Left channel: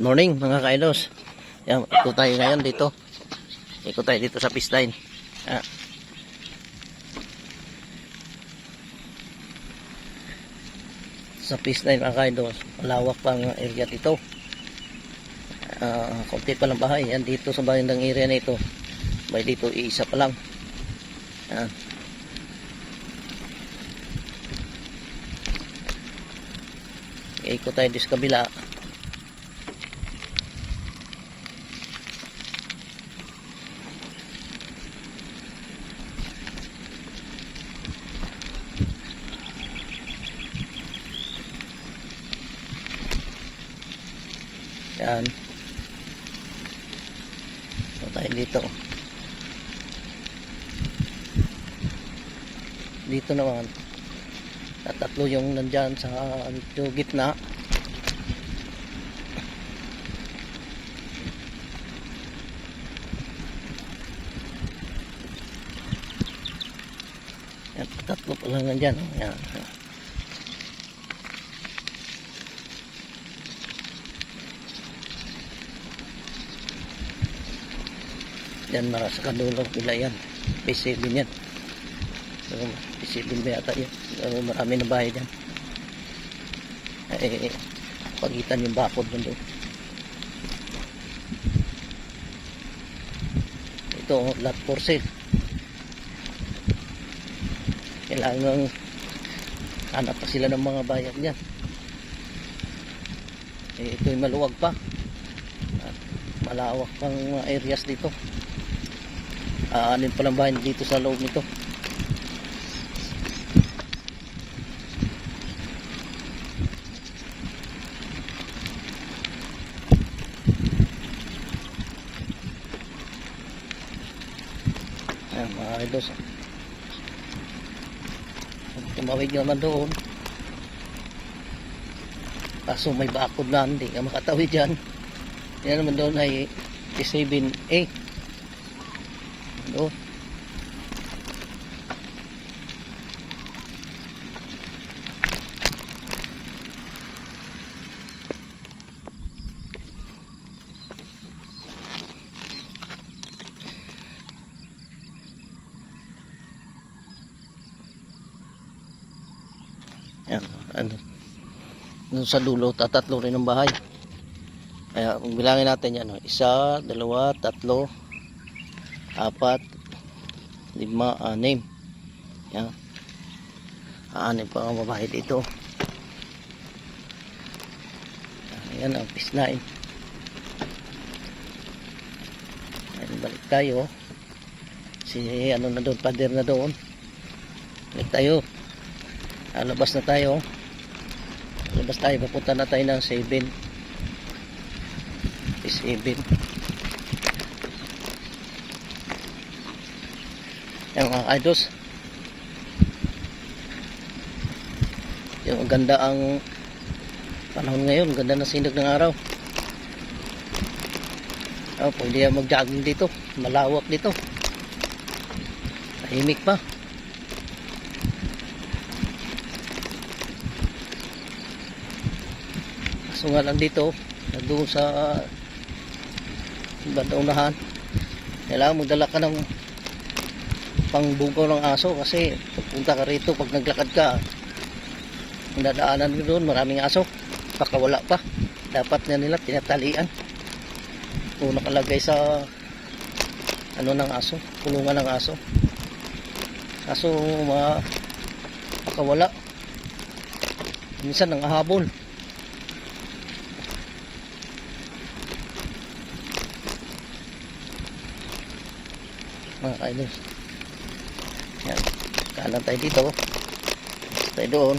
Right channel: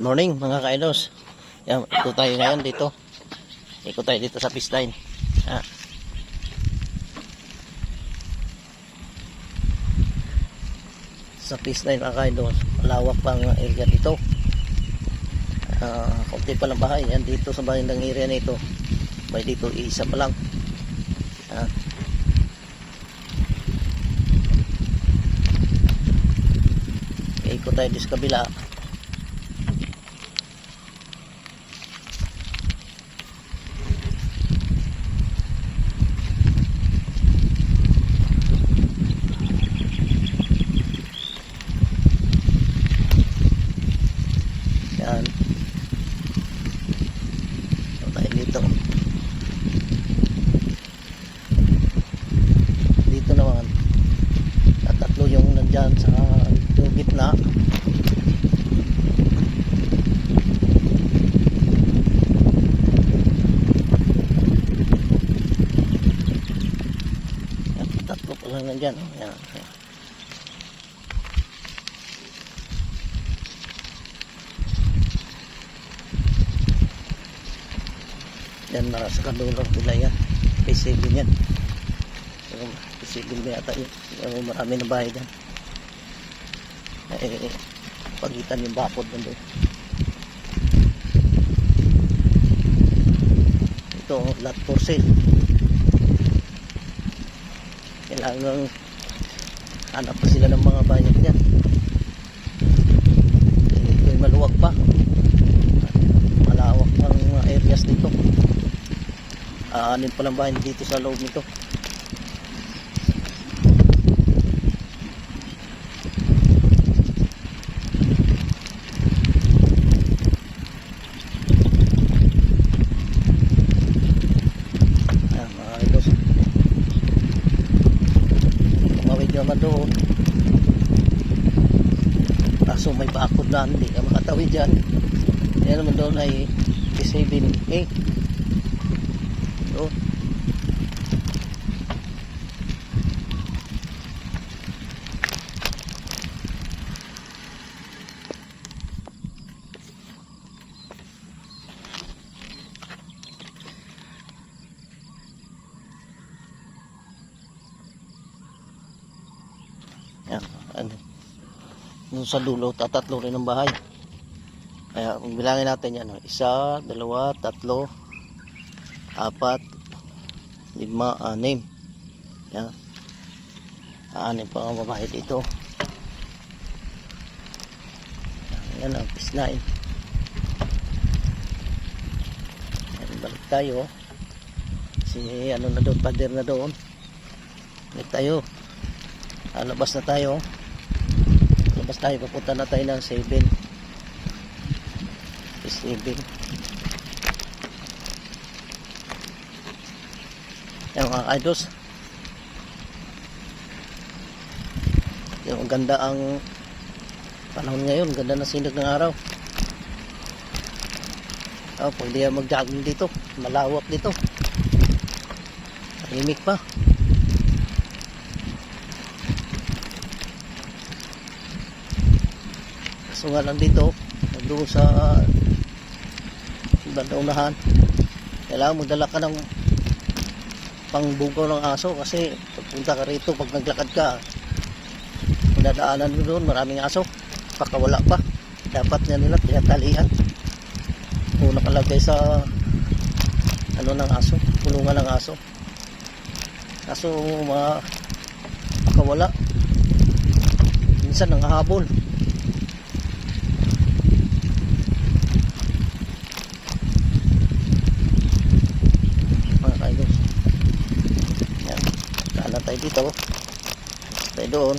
Morning mga ka-idos. Yan, ikot tayo ngayon dito. Ikot tayo dito sa fish line. Sa fish line mga ka-idos, malawak pang area dito. Kunti pa lang bahay. Yan dito sa bandang area na ito. May dito isa pa lang. Ikot tayo dito sa kabila. Yan. So, tayo dito. Dito naman. Tatlo yung nandyan sa gitna. Yan, tatlo pa lang nandyan. Yan. Yan, sa kadulo nila yan. P7 yan. So, P7 ba yata yun. So, marami na bahay dyan. Pagitan yung bakod doon. Ito, lot for sale. Kailangan hanap pa sila ng mga bayan dyan. Ito yung maluwag pa. Malawak pang mga areas dito. Anin palang bahay dito sa loob nito. Ayan mga idos. Tumawid naman doon. Kaso may bakod na, hindi ka makatawid dyan. Yan naman doon ay P7A. Doon. Yan. Doon sa dulo, tatatlo rin ang bahay. Kaya kung bilangin natin yan, 1, 2, 3, 4, 5, 6. Yan. 6 pa ang babae dito. Yan ang fish line. Yan, balik tayo. Si ano na doon, pader na doon. Balik tayo. Labas na tayo. Labas tayo, papunta na tayo ng 7. Fish 7. Yan mga ka-idos. Yung ganda ang panahon ngayon, ganda na sinag ng araw. Pwede yan mag-jogging dito, malawak dito, tahimik pa. So nga lang dito, doon sa bandaunahan, kailangan magdala ka ng pangbugaw ng aso kasi pagpunta ka rito, pag naglakad ka, ang dadaanan mo doon, maraming aso, pakawala pa. Dapat nga nila tinatalian kung nakalagay sa ano ng aso, kulungan ng aso. Kaso pakawala, minsan nanghahabol. Mga ka-idos, yan, kanan tayo dito, tayo doon.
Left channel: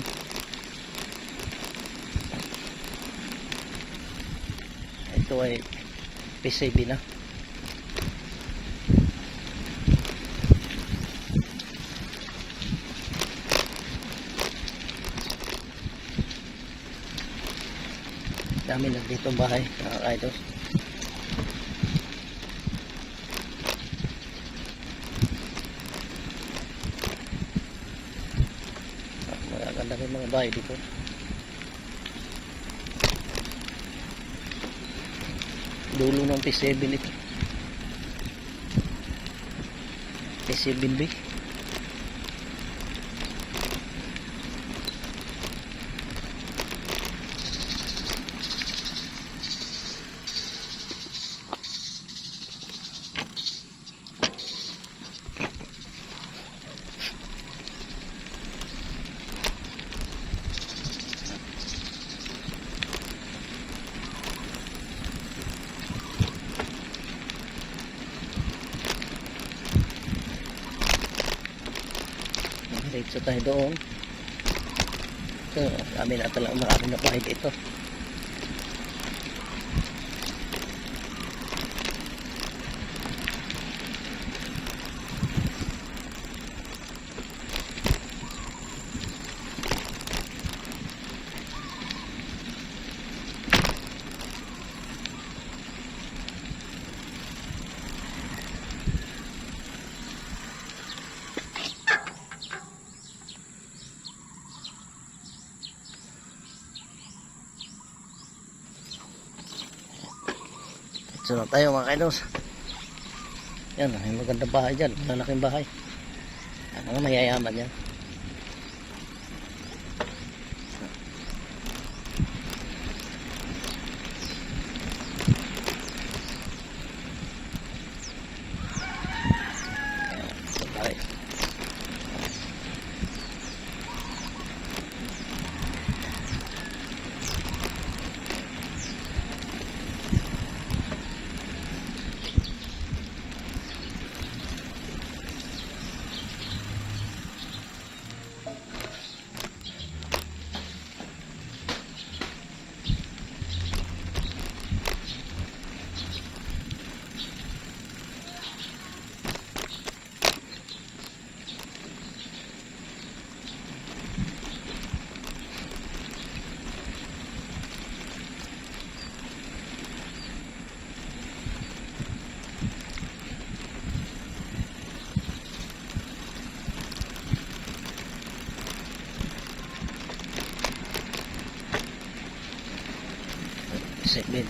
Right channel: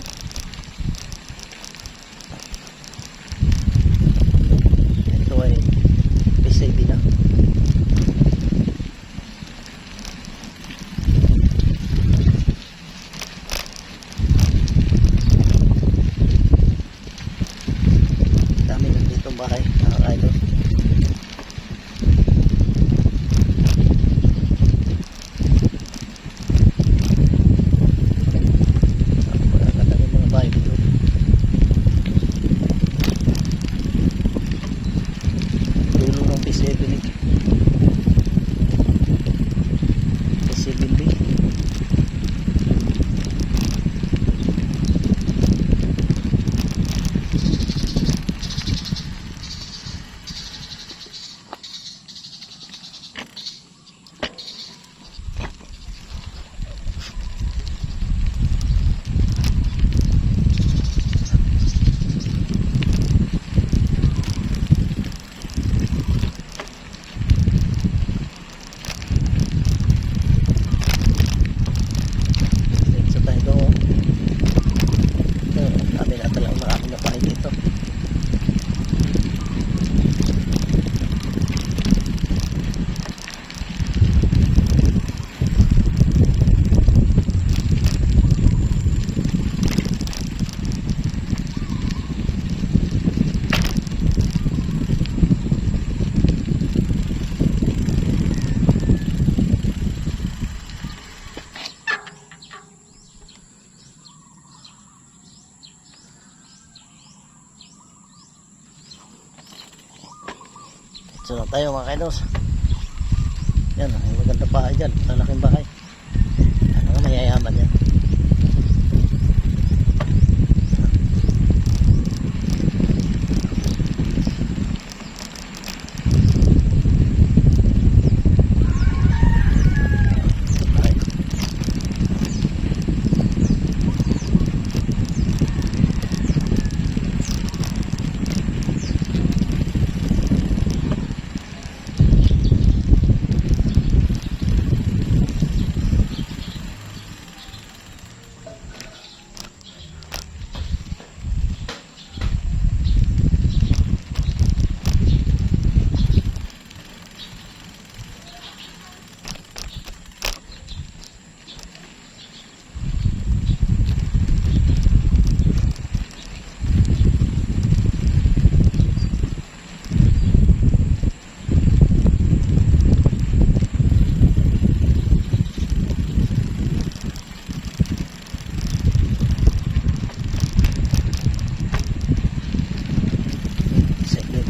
Ito ay P7 na. Dami lang dito bahay, mga ka-idos. bahay dito. dulo ng P7 ito. P7B. Diretso tayo doon. Ito, dami na talagang maraming na tayo dito. Diretso na tayo mga kaidos. Yan, may magandang bahay dyan. Malaking bahay. Mga mayayaman yan. Segment.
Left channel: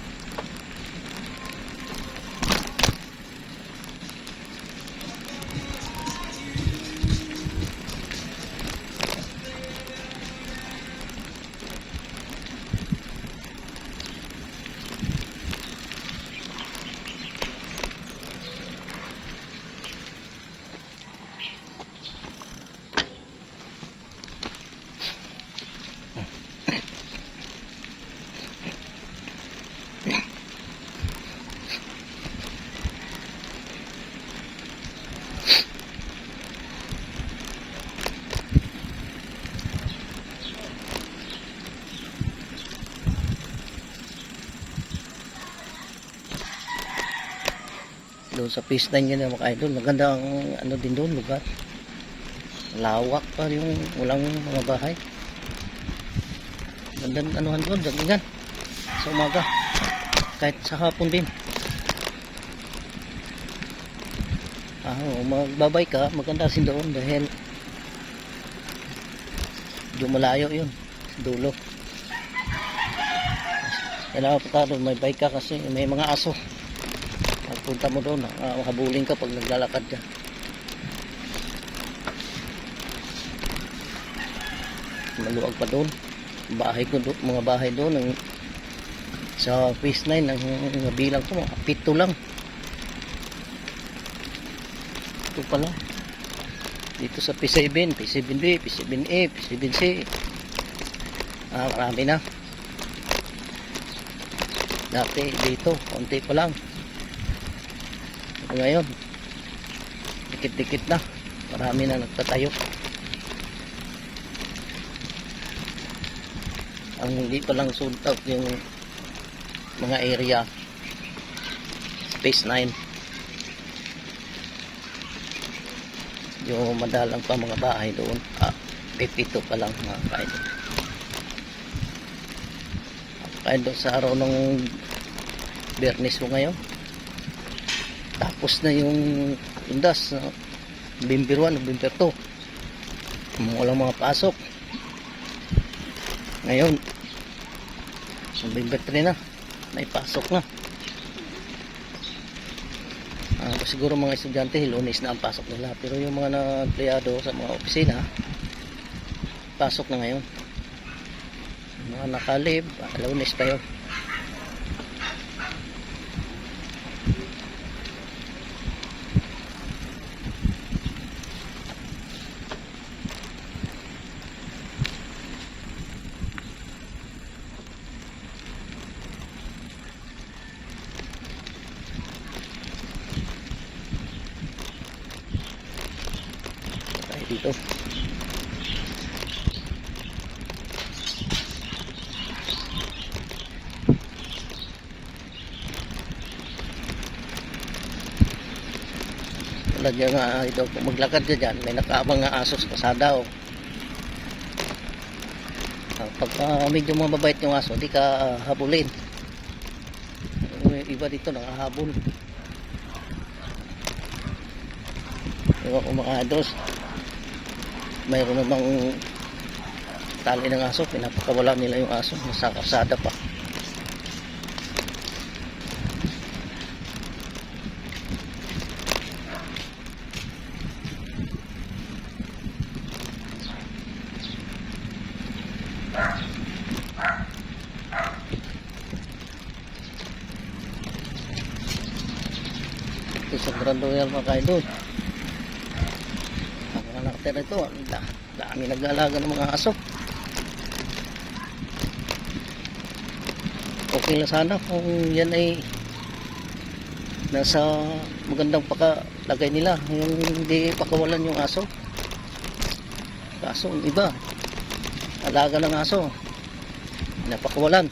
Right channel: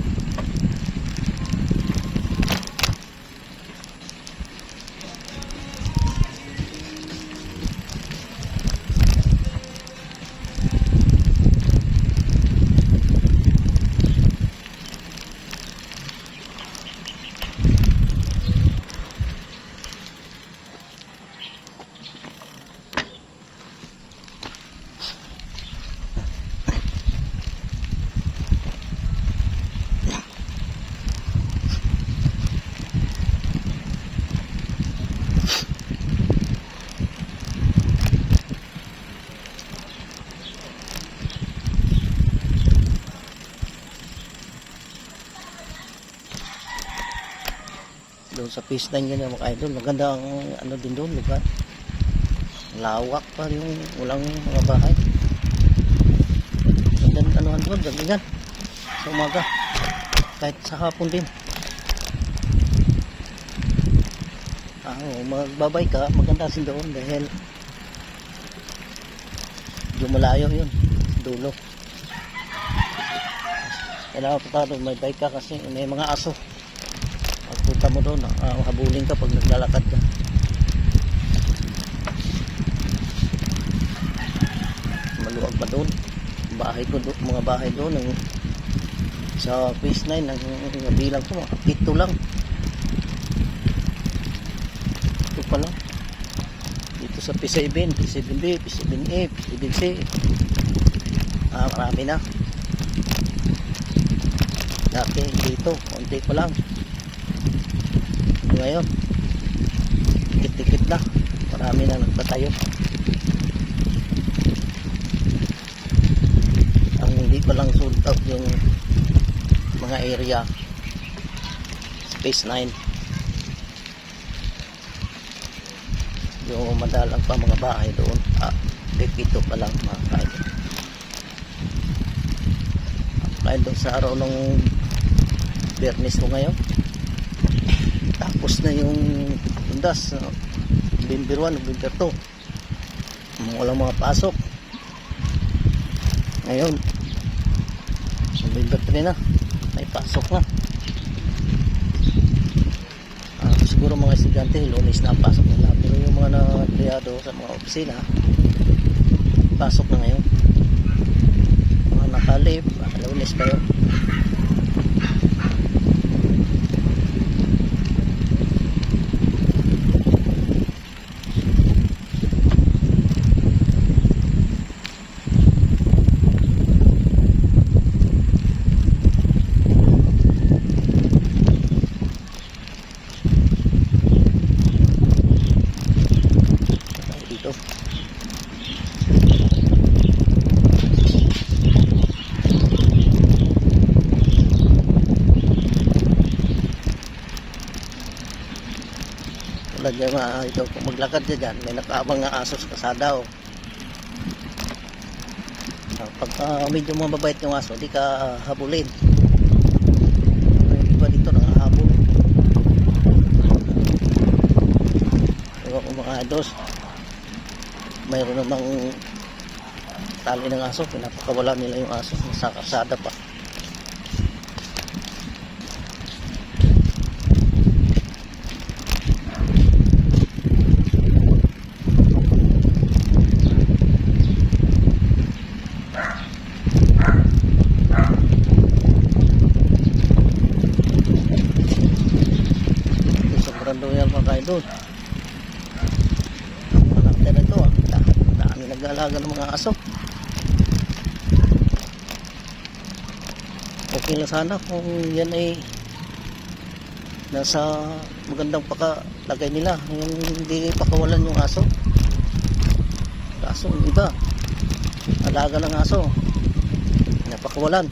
Doon sa P9 yun mga idol, maganda ang ano din doon lugar, lawak pa yung walang mga bahay, magandang anuhan doon, ganyan sa umaga kahit sa hapon din. Magbabay ka, maganda sin doon dahil yung malayo yun dulo. Kailangan pa doon may bike ka kasi may mga aso. Pagpunta mo doon, habulin ka pag naglalakad ka. Maluwag pa doon. Bahay ko doon, mga bahay doon sa Phase 9 ang bilang ko, pito lang. Ito pa lang. Dito sa P7, P7B, P7A, P7C. Marami na. Dati dito, konti pa lang. Ngayon dikit-dikit na, marami na nagtatayo. Ang hindi pa lang sold out yung mga area Phase 9, yung madalang pa mga bahay doon. Pipito pa lang mga kaidol. Kaidol sa araw ng Biyernes mo ngayon, tapos na yung undas, November 1, November 2. Walang mga pasok. Ngayon, November 3 na, may pasok na. siguro mga estudyante Lunes na ang pasok nila, pero yung mga na-empleyado sa mga opisina pasok na ngayon. Mga nakalib Lunes pa yun. Dito lagyan nga ito, kung maglakad ka dyan may nakaabang nga aso sa kasada oh. Pagka medyo mababait yung aso di ka habulin. Yung iba dito nangahabol. Pero kung mga ados mayroon namang tali ng aso, pinapakawala nila yung aso nasa kasada pa. Isang grando yan mga kaidol. Ang anak na ito dami nag-aalaga ng mga aso. Okay lang sana kung yan ay nasa magandang pakalagay nila, yung hindi pakawalan yung aso. Kaso yung iba alaga ng aso napakawalan.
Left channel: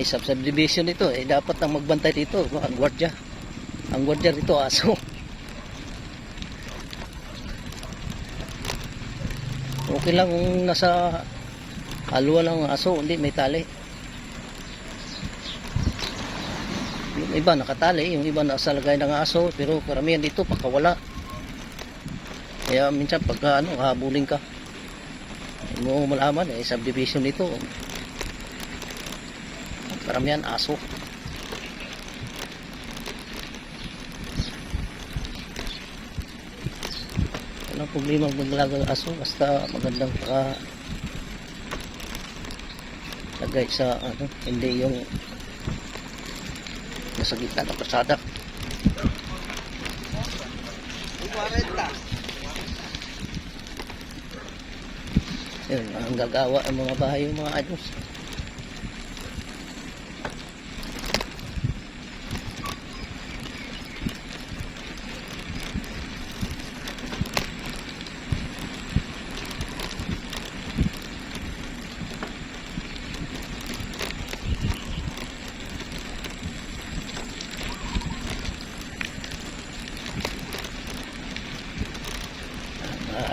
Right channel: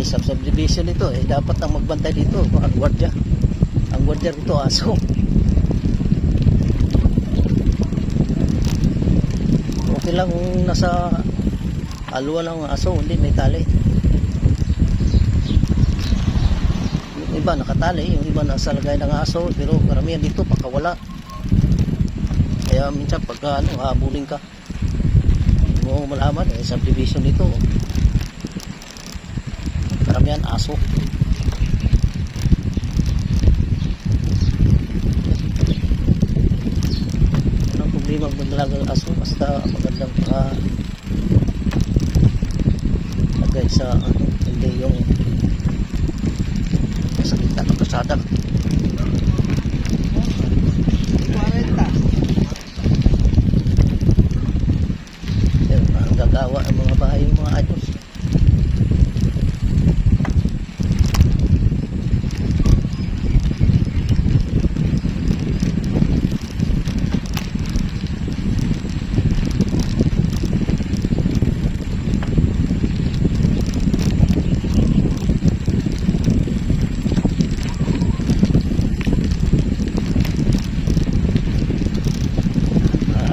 Subdivision ito dapat nang magbantay dito ang gwardiya dito aso. Okay lang kung nasa haluan lang ang aso, hindi may tali. Yung iba nakatali, yung iba nasa lagay ng aso, pero karamihan dito pakawala. Kaya minsan pagka habulin ka hindi mo malaman subdivision dito karamihan aso. Anong problema maglaga ng aso basta magandang lagay sa hindi yung sa gitna ng pasada. Yun, ang gagawa ang mga bahay yung mga ados.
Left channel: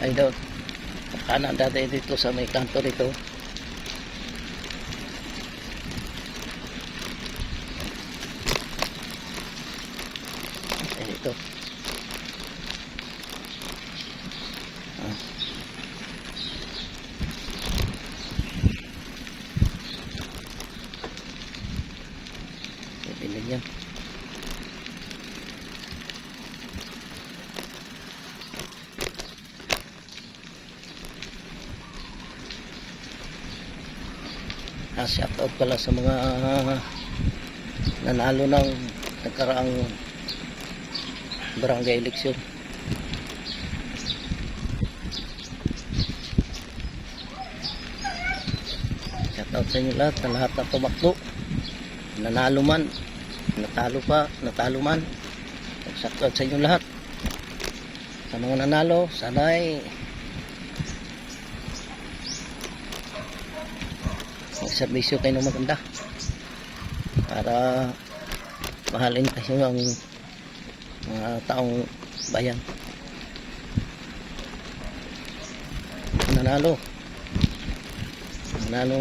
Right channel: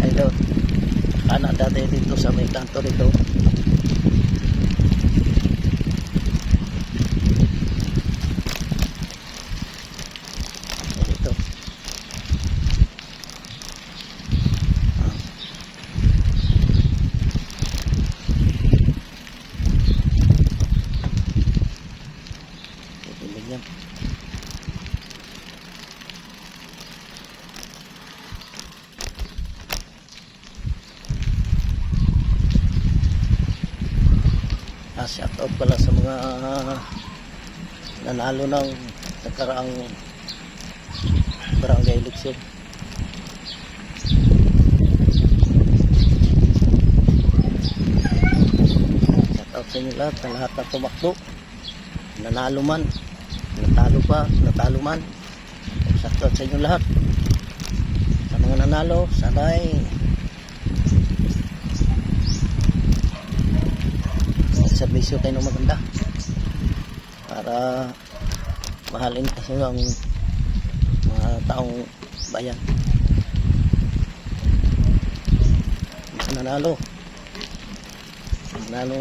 Ito anak dati dito sa may kanto dito. Ito yan. Shout out pala sa mga nanalo ng nagkaraang barangay election. Shout out sa inyo lahat, sa lahat na tumakbo, nanalo man, natalo pa, natalo man. Shout out sa inyo lahat, sa mga nanalo. Sana'y servisyo kayo ng maganda para mahalin kasi ang mga taong bayan. Nanalo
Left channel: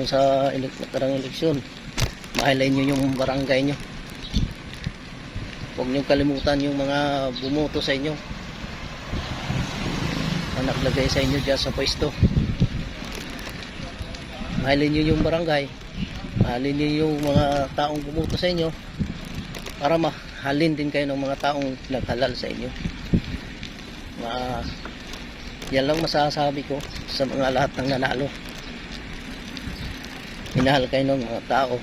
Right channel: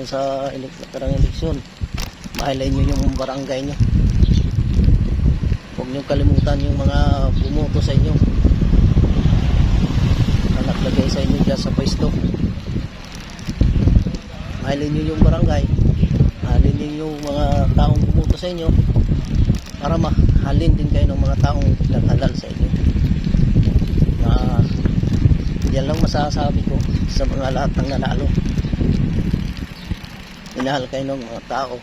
sa nakarang eleksyon, mahalin nyo yung barangay nyo. Huwag nyo kalimutan yung mga bumoto sa inyo na naglagay sa inyo dyan sa pwesto. Mahalin nyo yung barangay, mahalin nyo yung mga taong bumuto sa inyo, para mahalin din kayo ng mga taong naghalal sa inyo. Yan lang masasabi ko sa mga lahat ng nanalo. Minahal kayo ng mga tao,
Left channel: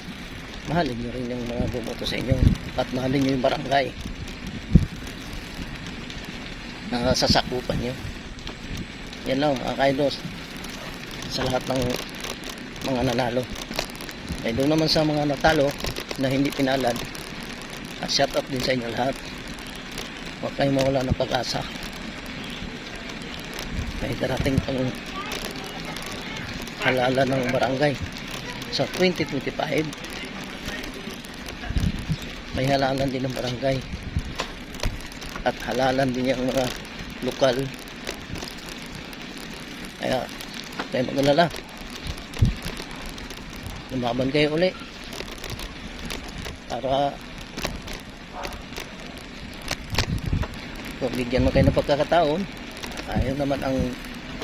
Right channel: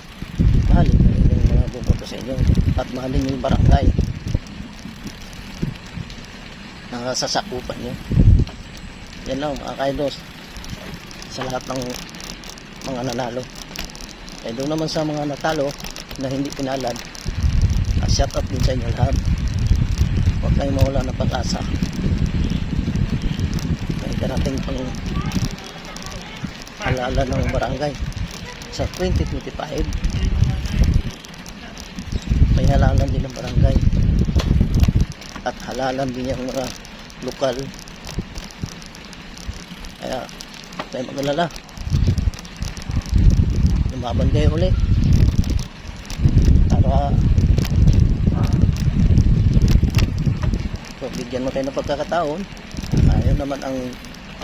mahalin nyo rin yung mga bumoto sa inyo, at mahalin nyo yung barangay na sasakupan nyo. Yan lang mga ka-idol sa lahat ng mga nanalo. Doon naman sa mga natalo na hindi pinalad, shout out din sa inyo lahat. Huwag kayong mawala ng pag-asa. May darating pang halalan ng barangay sa 2025. May halalan din ng barangay at halalan din yung mga lokal. Kaya tayo magalala, lumaban kayo uli para bigyan mo kayo ng pagkakataon. Tayo naman ang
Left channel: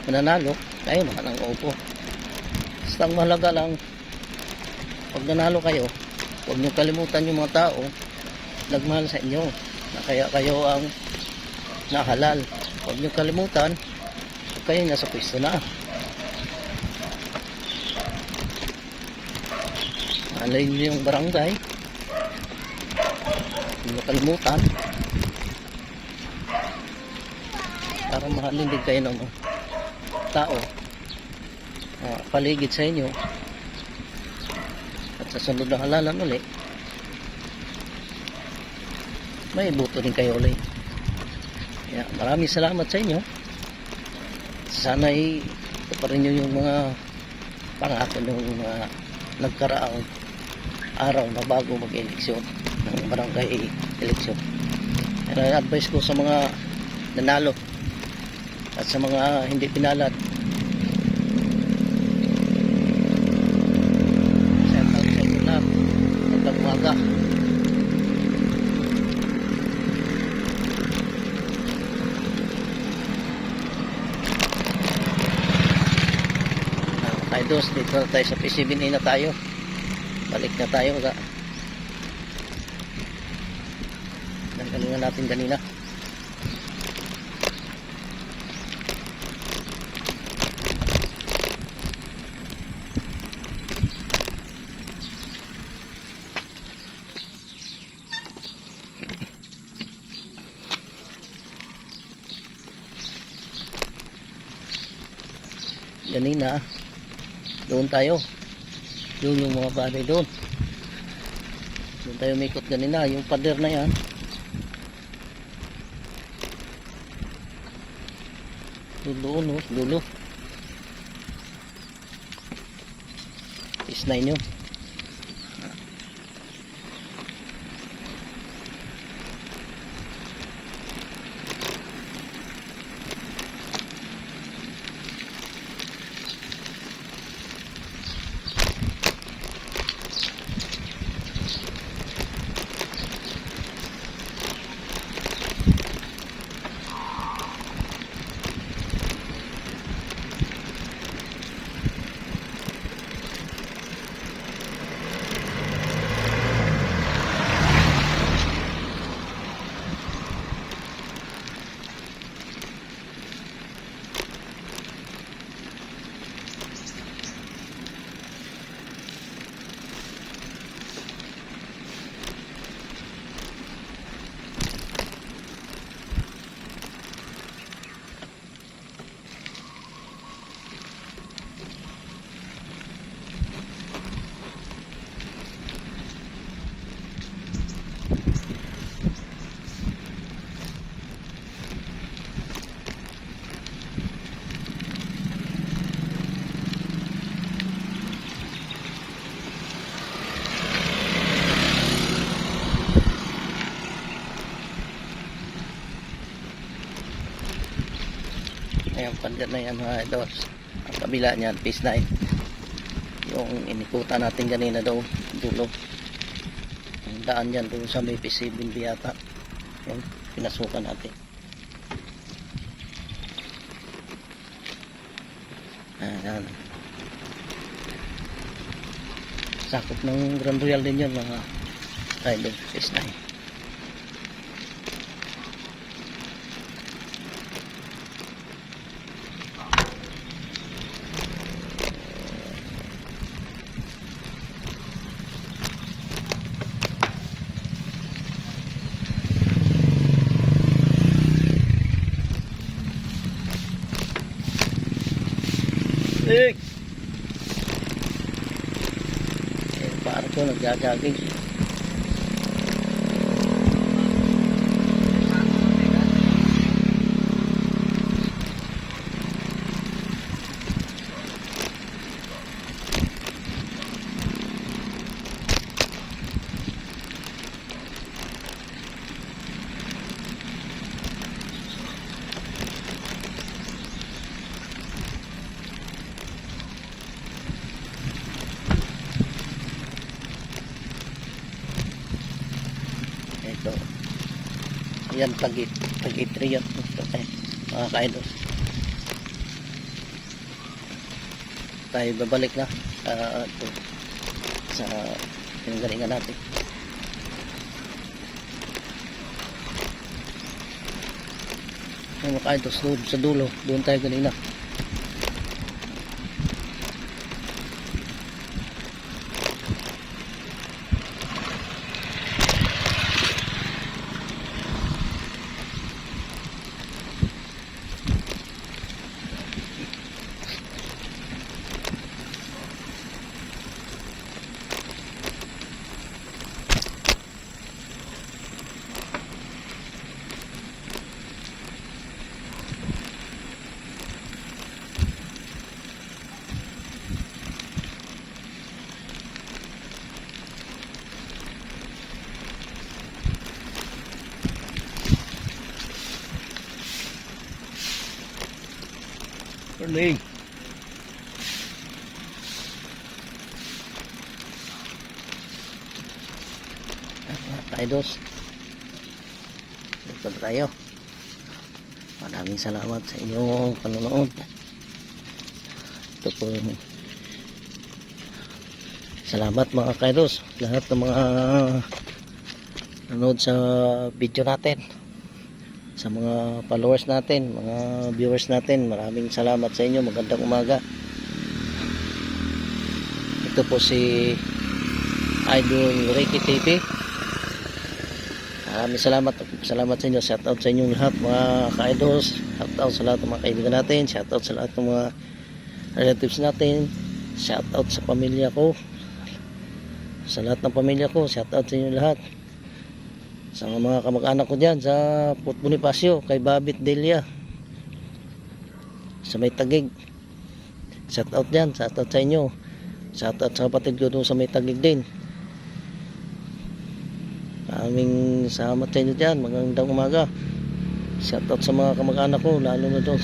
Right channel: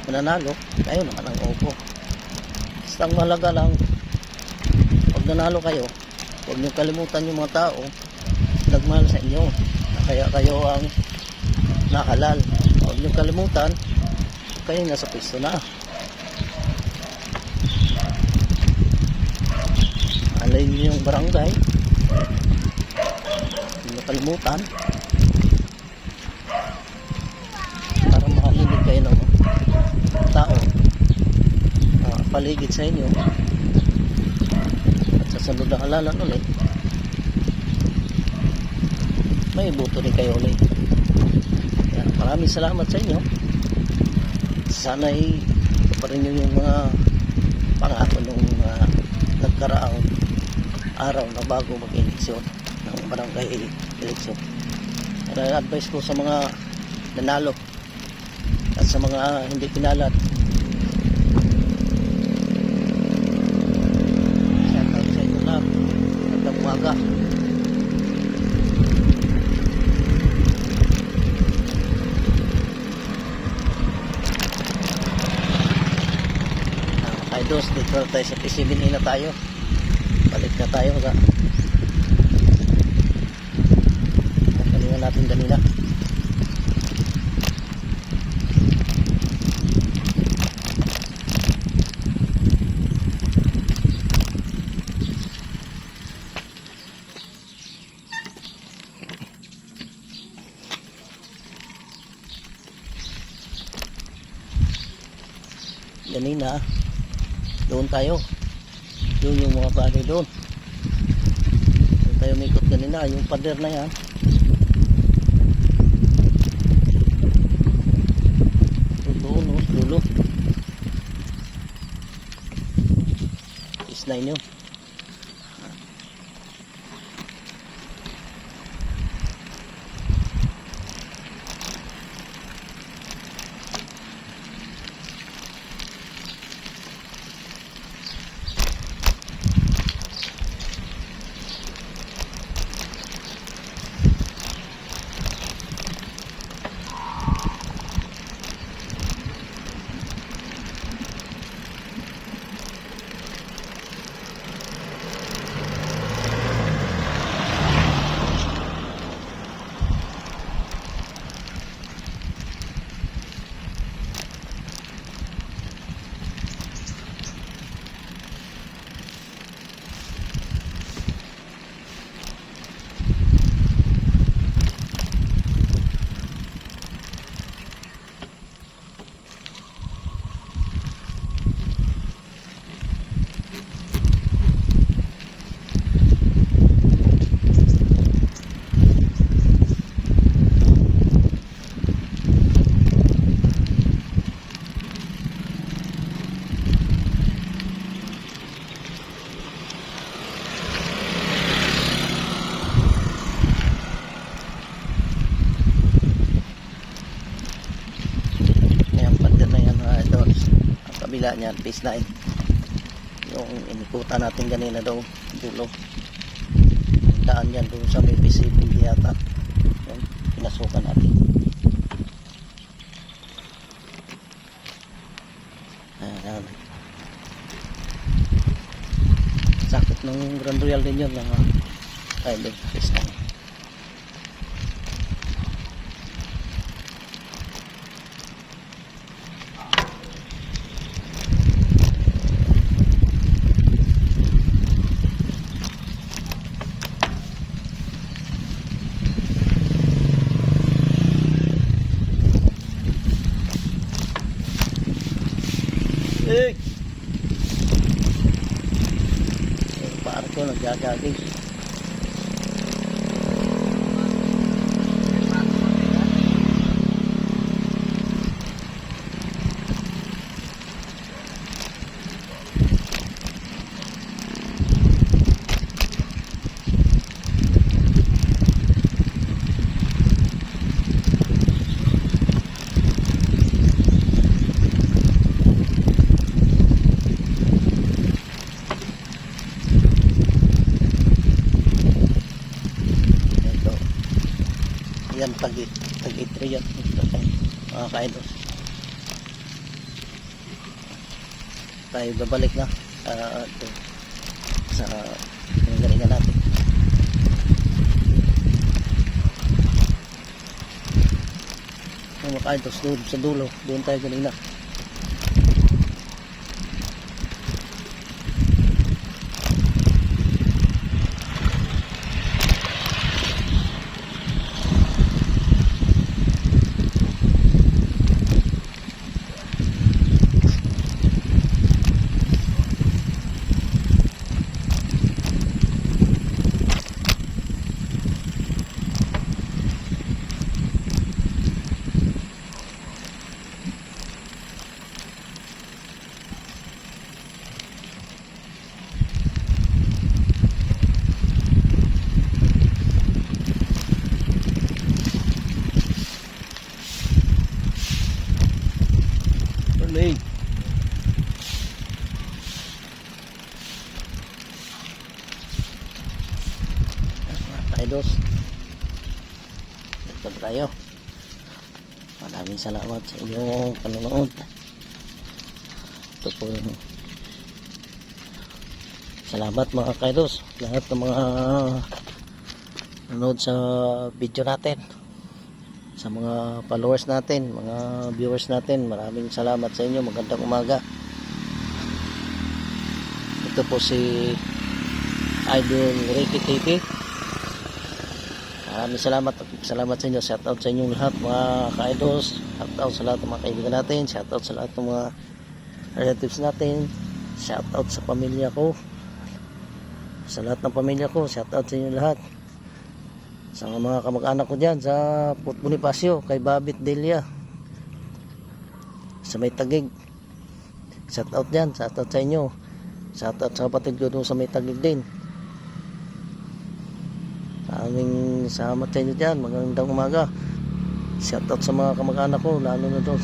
mananalo, tayo naman ang upo. Basta ang mahalaga lang, pag nanalo kayo, huwag niyo kalimutan yung mga tao nagmahal sa inyo, na kaya kayo ang nakalal. Huwag niyo kalimutan, kayo nasa pwesto na. Alay niyo yung barangay, huwag niyo kalimutan, para mahalin din kayo ng tao paligid sa inyo. At sa sunod na halalan ulit, may iboto din kayo ulit. Kaya maraming salamat sa inyo. Sana'y tuparin nyo yung mga pangako ng nagkaraang araw na bago mag-eleksyon ng barangay eleksyon. Kaya advice ko sa mga nanalo at sa mga hindi pinalat, shout out sa inyo lang. Magandang umaga. Idols, dito tayo sa P7A na tayo. Balik na tayo ga. Galingan natin kanina. Kanina doon tayo, doon yung mga bahay doon tayo mikot kanina, yung pader na yan. Dulo, dulo is 9 yun. Kabila niyan, phase 9 yung inikutan natin kanina daw dulo. Ang daan yan doon sa may phase 7 yata yung pinasukan natin. Ayan, sakot ng Grand Royal din yun mga phase 9. Gagaging. Ito. Yan, tagit yan. Ito tayo. Mga kaidol. Tayo babalik na ito, sa pinagalingan natin. Mga kaidol, sa dulo. Doon tayo galing na. Galing. Idols, ito tayo. Maraming salamat sa inyong panonood. Ito po yung salamat mga kaidos, lahat ng mga nanood sa video natin, sa mga followers natin, mga viewers natin. Maraming salamat sa inyo. Magandang umaga. Ito po si Idol Ricky TV. Maraming salamat sa inyo. Shout out sa inyong lahat mga ka-idols. Shout out sa lahat ng mga kaibigan natin. Shout out sa lahat ng mga relatives natin. Shout out sa pamilya ko. Sa lahat ng pamilya ko, shout out sa inyo lahat. Sa mga kamag-anak ko dyan sa Port Bonifacio, kay Babit Delia, sa May Tagig, shout out dyan. Shout out sa inyo. Shout out sa kapatid ko doon sa May Tagig din. Maraming salamat sa inyo dyan. Magandang umaga. Shout out sa mga kamag-anak ko, lalo na doon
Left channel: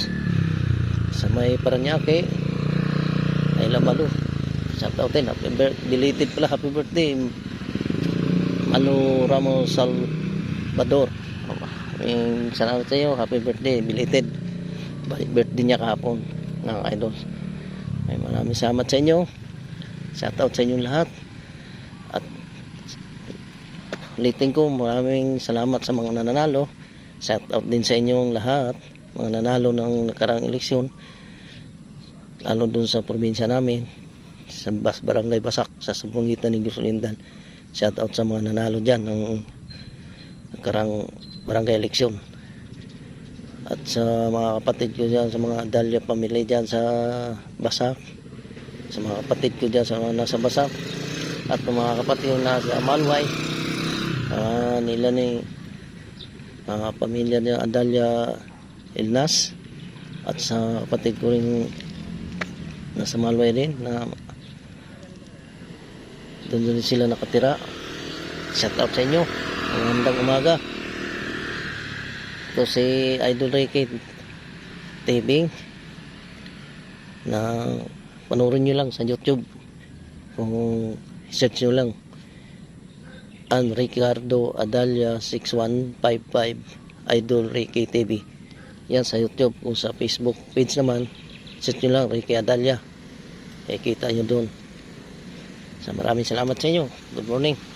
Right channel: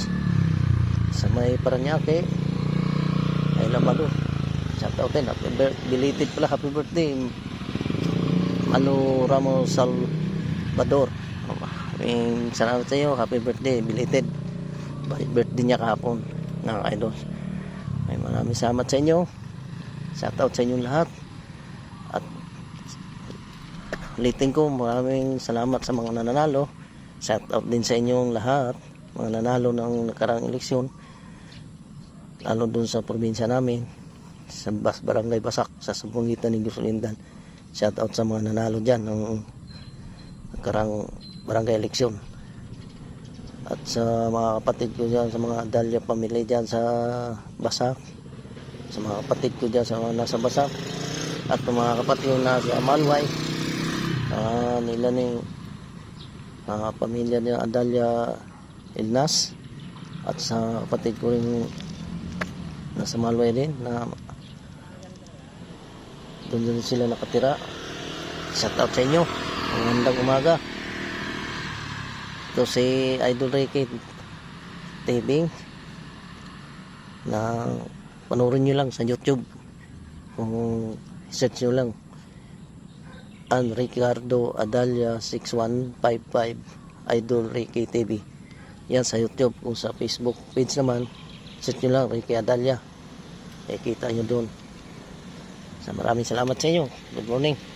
sa May Paranaque, ay Lamalo. Shout out din. Belated pala, happy birthday Manu Ramos Salvador. Maraming salamat sa inyo. Happy birthday, belated. Birthday niya kahapon ng idols. May maraming salamat sa inyo. Shout out sa inyong lahat. At ulitin ko, maraming salamat sa mga nananalo. Shout out din sa inyong lahat, mga nanalo ng nakaraang eleksyon, lalo dun sa probinsya namin, sa Barangay Basak, sa Sabungitan ni Gusulindan. Shout out sa mga nanalo dyan ng nakaraang barangay eleksyon. At sa mga kapatid ko dyan, sa mga Dalya family dyan sa Basak, sa mga kapatid ko dyan sa mga nasa Basak, at mga kapatid ko nasa Malway, nila ni mga pamilya ni Adalia Ilnas, at sa kapatid ko rin nasa Malway din, na doon sila nakatira. Shout out sa inyo. Magandang umaga. Ito si Idol Ricky TV, na panoorin nyo lang sa YouTube. Kung search nyo lang Ricardo Adalia 6155 Idol Ricky TV. Yan sa YouTube. Kung sa Facebook page naman, search nyo lang Ricky Adalia, kita nyo doon. Maraming salamat sa inyo. Good morning.